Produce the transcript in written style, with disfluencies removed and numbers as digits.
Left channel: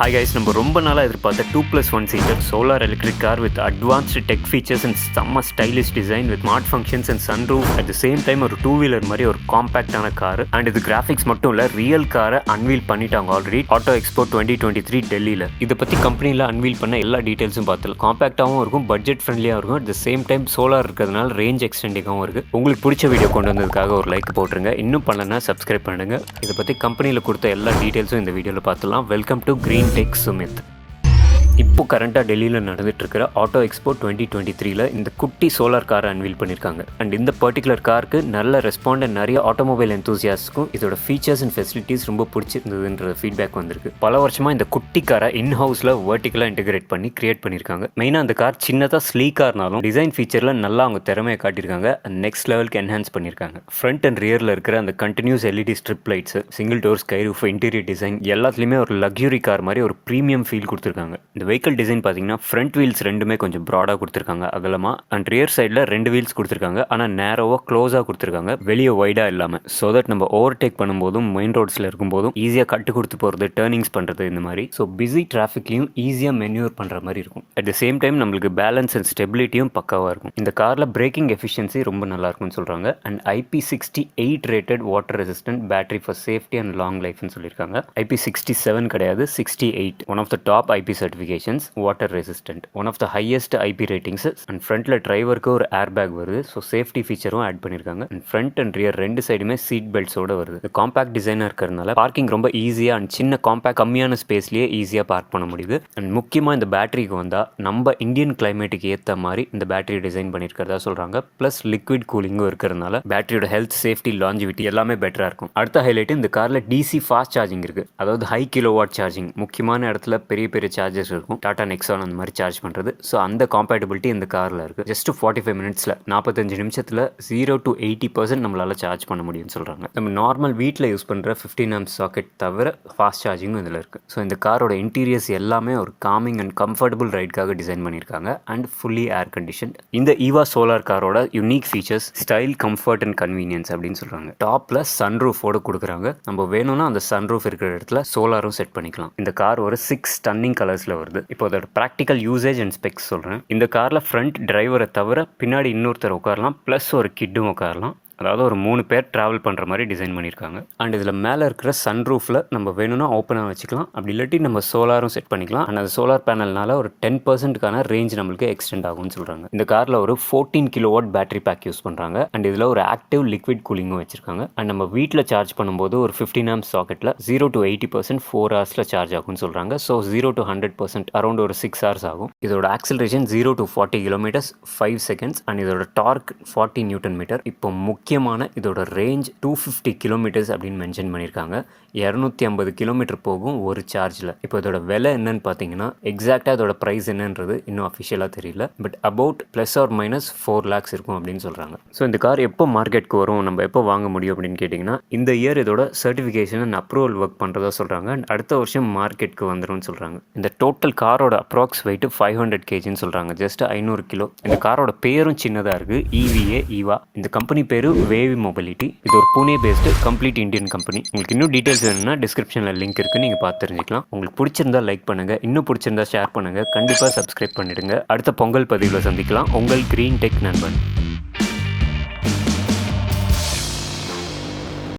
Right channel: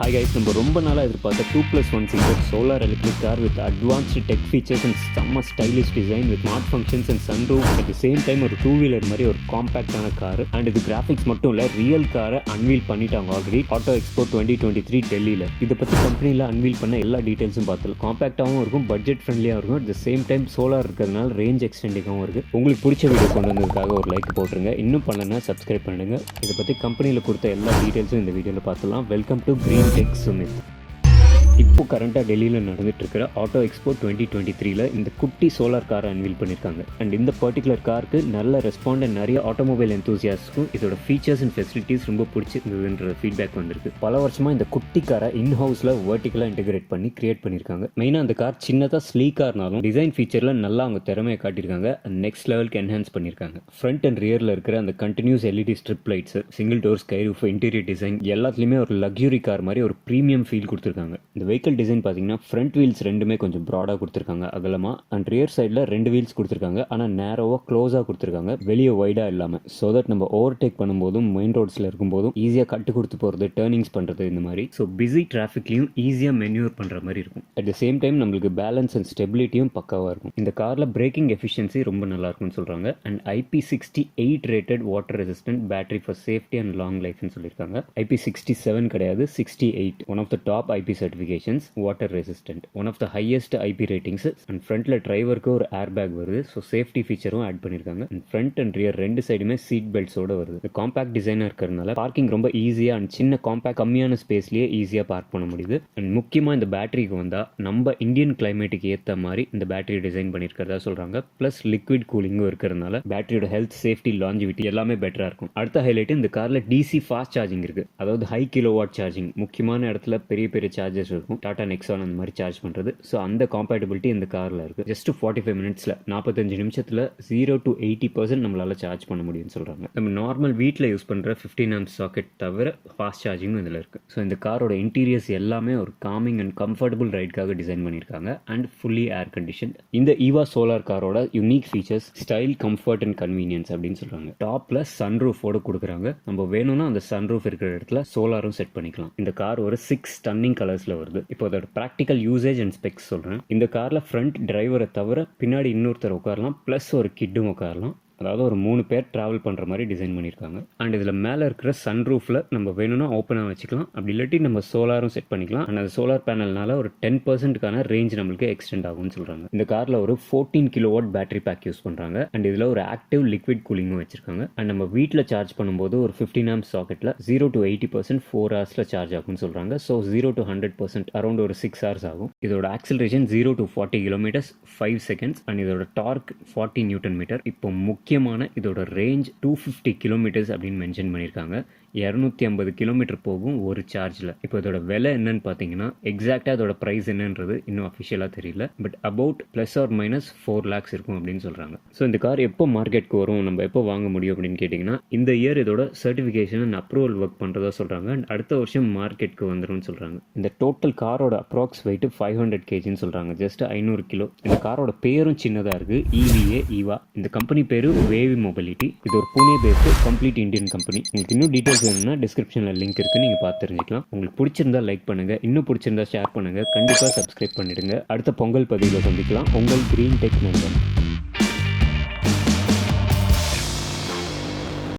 Hi guys, நம்ம ரொம்ப நாளாக எதிர்பார்த்த 2+1 seater solar electric car with advanced tech features and செம்ம stylish design with smart functions and sunroof at the same time ஒரு 2-வீலர் மாதிரி ஒரு காம்பேக்டான கார். அண்ட் இது கிராஃபிக்ஸ் மட்டும் இல்லை, ரியல் காரை அன்வீல் பண்ணிட்டாங்க ஆல்ரெடி ஆட்டோ எக்ஸ்போ 2023 டெல்லியில். இதை பற்றி கம்பெனியில் அன்வீல் பண்ண எல்லா டீட்டெயில்ஸும் பார்த்துலாம். காம்பேக்டாகவும் இருக்கும், பட்ஜெட் ஃப்ரெண்ட்லியாக இருக்கும், at the same time solar இருக்கிறதுனால ரேஞ்ச் எக்ஸ்டெண்டிங்காகவும் இருக்குது. உங்களுக்கு பிடிச்ச வீடியோ கொண்டு வந்ததுக்காக ஒரு லைக் போட்டுருங்க. இன்னும் பண்ணலன்னா சப்ஸ்கிரைப் பண்ணுங்க. இதை பற்றி கம்பெனியில் கொடுத்த எல்லா டீட்டெயில்ஸும் இந்த வீடியோவில் பார்த்துலாம். Welcome to GreenTech Sumeeth. இப்போ கரண்ட்டாக டெல்லியில் நடந்துட்டு இருக்கிற ஆட்டோ எக்ஸ்போ 2023 இந்த குட்டி சோலார் காரை அன்வீல் பண்ணியிருக்காங்க. அண்ட் இந்த பர்டிகுலர் காருக்கு நல்ல ரெஸ்பாண்ட் அண்ட் நிறைய ஆட்டோமொபைல் எந்தூசியாஸ்க்கும் இதோட ஃபீச்சர்ஸ் அண்ட் ஃபெசிலிட்டிஸ் ரொம்ப பிடிச்சிருந்ததுன்ற ஃபீட்பேக் வந்திருக்கு. பல வருஷமாக இந்த குட்டி காரை இன் ஹவுஸில் வெர்டிகலாக இன்டெகிரேட் பண்ணி கிரியேட் பண்ணியிருக்காங்க. மெயினாக அந்த கார் சின்னதாக ஸ்லீக்காக இருந்தாலும் டிசைன் ஃபீச்சரில் நல்லா அவங்க திறமையை காட்டியிருக்காங்க. நெக்ஸ்ட் லெவலுக்கு என்ஹான்ஸ் பண்ணியிருக்காங்க. ஃப்ரண்ட் அண்ட் ரியரில் இருக்கிற அந்த continuous LED strip lights, single door sky roof, interior design எல்லாத்துலேயுமே ஒரு லக்ஸுரி கார் மாதிரி ஒரு ப்ரீமியம் ஃபீல் கொடுத்துருக்காங்க. இந்த வெஹிக்கல் டிசைன் பார்த்தீங்கன்னா ஃப்ரண்ட் வீல்ஸ் ரெண்டுமே கொஞ்சம் ப்ராடாக கொடுத்துருக்காங்க, அகலமாக. அண்ட் ரியர் சைடில் 2 வீல்ஸ் கொடுத்துருக்காங்க, ஆனால் நேரோவாக க்ளோஸாக கொடுத்துருக்காங்க, வெளியே வைடாக இல்லாமல். ஸோ தட் நம்ம ஓவர்டேக் பண்ணும்போதும் மெயின் ரோட்ஸில் இருக்கும்போதும் ஈஸியாக கட்டு கொடுத்து போகிறது, டேர்னிங்ஸ் பண்ணுறது, இந்த மாதிரி. ஸோ பிஸி டிராஃபிக்லையும் ஈஸியாக மென்யூர் பண்ணுற மாதிரி இருக்கும். அட் த சேம் டைம் நம்மளுக்கு பேலன்ஸ் அண்ட் ஸ்டெபிலிட்டியும் பக்காவாக இருக்கும். இந்த காரில் பிரேக்கிங் எஃபிஷியன்சி ரொம்ப நல்லா இருக்கும்னு சொல்கிறாங்க. And IP68 rated water resistant battery for safety and long லைஃப்னு சொல்லியிருக்காங்க. IP67 கிடையாது, 68, one of the top IP certifications. Water resistant, one of the highest IP ratings. And ஃப்ரண்ட்ல டிரைவருக்கு ஒரு ஏர் பேக் வருது. ஸோ சேஃப்டி ஃபீச்சரும் ஆட் பண்ணியிருக்காங்க. And front and rear ரெண்டு சைடுமே சீட் பெல்ட்ஸோட வருது. காம்பேக்ட் டிசைனாக இருக்கிறதுனால பார்க்கிங் ரொம்ப ஈஸியாக அண்ட் சின்ன காம்பேக்ட் கம்மியான ஸ்பேஸ்லேயே ஈஸியாக பார்க் பண்ண முடியுது. அண்ட் முக்கியமாக இந்த பேட்டரிக்கு வந்தால் நம்ம இந்தியன் கிளைமேட்டுக்கு ஏற்ற மாதிரி இந்த பேட்டரி டிசைன் பண்ணியிருக்கிறதா சொல்கிறாங்க. ப்ளஸ் லிக்விட் கூலிங்கும் இருக்கிறதுனால பேட்டரியோட ஹெல்த், சேஃப்டி, லாஞ்சிவிட்டி எல்லாமே பெட்டராக இருக்கும். அடுத்த ஹைலைட், இந்த காரில் DC ஃபாஸ்ட் சார்ஜிங் இருக்குது. அதாவது ஹை கிலோவாட் சார்ஜிங். முக்கியமான இடத்துல பெரிய பெரிய சார்ஜஸ் இருக்கும், டாடா நெக்ஸான் அந்த மாதிரி சார்ஜ் பண்ணுறது. ஸோ அந்த காம்பேட்டபிலிட்டி இந்த காரில் இருக்குது. ஜஸ்ட் 45 மினிட்ஸில் 45 நிமிஷத்தில் 0 to 80% நம்மளால் சார்ஜ் பண்ண முடியும்னு சொல்கிறாங்க. நம்ம நார்மல் வீட்டில் யூஸ் பண்ணுற 15 amp சாக்கெட் தவிர ஃபாஸ்ட் சார்ஜிங்கும் இதில் இருக்குது. ஸோ இந்த காரோட இன்டீரியர்ஸ் எல்லாமே ஒரு காமிங் அண்ட் கம்ஃபர்டபுள் ரைடுக்காக டிசைன் பண்ணியிருக்காங்க. And fully air condition. இந்த ஈவா சோலார் காரோட unique features style, comfort and convenience அப்படின்னு சொல்கிறாங்க. டாப்பில் சன்ரூஃபோடு கொடுக்குறாங்க. நம்ம வேணும்னா அந்த சன்ரூஃப் இருக்கிற இடத்துல சோலாரும் செட் பண்ணிக்கலாம். இந்த கார் ஒரு 6 ஸ்டன்னிங் கலர்ஸில் வருது. இப்போ அதோட ப்ராக்டிக்கல் யூசேஜ் அண்ட் ஸ்பெக்ஸ் சொல்கிறேன். இந்த காரில் ஃப்ரண்ட் டிரைவரை தவிர பின்னாடி இன்னொருத்தர் உட்காரலாம், ப்ளஸ் ஒரு கிட்டும் உட்காரலாம். அதாவது ஒரு 3 பேர் ட்ராவல் பண்ணுற மாதிரி டிசைன் பண்ணியிருக்காங்க. அண்ட் இதில் மேலே இருக்கிற சன்ரூஃபில் நம்ம வேணும்னா ஓப்பனாக வச்சுக்கலாம், அப்படி இல்லாட்டி நம்ம சோலாரும் செட் பண்ணிக்கலாம். அண்ட் அந்த சோலார் பேனல்னால ஒரு 10%க்கான ரேஞ்ச் நம்மளுக்கு எக்ஸ்டெண்ட் ஆகும்னு சொல்கிறாங்க. இந்த காரில் ஒரு 14 கிலோவாட் பேட்டரி பேக் யூஸ் பண்ணுறாங்க. அண்ட் இதில் ஒரு ஆக்டிவ் லிக்விட் கூலிங்கும் வச்சிருக்காங்க. அண்ட் நம்ம வீட்டில் சார்ஜ் பண்ணும்போது ஒரு 15 amp சாக்கெட்டில் 0 to 80% 4 ஹவர்ஸில் சார்ஜ் ஆகும்னு சொல்கிறாங்க. ஸோ 0 to 100% அரௌண்ட் ஒரு 6 hours ஆகும். இதோட acceleration 0 to 40 km 5 seconds. And இதோட டார்க் 40 Nm. இப்போ முக்கியமான இதோட ரேஞ்ச் 250 km அப்படின்னு மென்ஷன் பண்ணியிருக்காங்க. 250 கிலோமீட்டர் போகும் ஒரு சார்ஜில். இப்போ இதோட விலை என்னன்னு பார்த்தீங்கன்னா, எக்ஸாக்டாக இதோட ப்ரைஸ் என்னன்றது இன்னும் அஃபிஷியலாக தெரியல. பட் அபவுட் +or- 4 lakhs இருக்கும் அப்படின்னு சொல்கிறாங்க. ஸோ இந்த கார் எப்போ மார்க்கெட்டுக்கு வரும், நம்ம எப்போ வாங்க முடியும் அப்படின்னு கேட்டிங்கன்னா, இந்த இயர் இதோட சர்டிஃபிகேஷன் அண்ட் அப்ரூவல் ஒர்க் பண்ணுறதா சொல்கிறாங்க. அண்ட் அடுத்த வருஷம் மார்க்கெட்டுக்கு வந்துடும் சொல்கிறாங்க. இந்த டோட்டல் காரோட அப்ராக்ஸ் வெயிட் 500 kgன்னு சொல்கிறாங்க, ஜஸ்ட் 500 கிலோ. இந்த காரோட பேரும் சின்னதாக இருக்குது, ஈவா. இந்த கம்பெனி பேரு வேவி மொபிலிட்டி. இது ஒரு Pune based complete Indian company. உங்களுக்கு இன்னும் டீட்டெயில்ஸ் வேணும்னா டிஸ்கிரிப்ஷனில் லிங்க் இருக்குது, நீங்கள் பார்த்து தெரிஞ்சுக்கலாம். உங்களுக்கு பிடிச்சிருந்தா லைக் பண்ணுங்கள், இன்னும் பிடிச்சிருந்தா ஷேர் பண்ணுங்கள், கண்டிப்பாக சப்ஸ்கிரைப் பண்ணிடுங்க. அடுத்த பொங்கல் பதிவில் சந்திக்கலாம். உங்கள் GreenTech நண்பன்.